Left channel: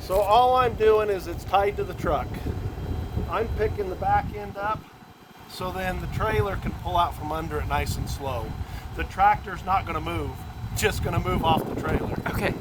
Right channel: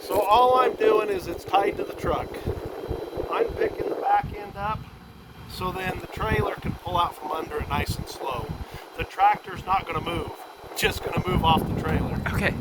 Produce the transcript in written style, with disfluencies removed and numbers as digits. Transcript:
So all I'm doing is it's tied to the truck. I'm picking the back end up so then the trailer can pull out from under it nice and slow. The tractor's not going to move, just going to move off the trailer. Okay.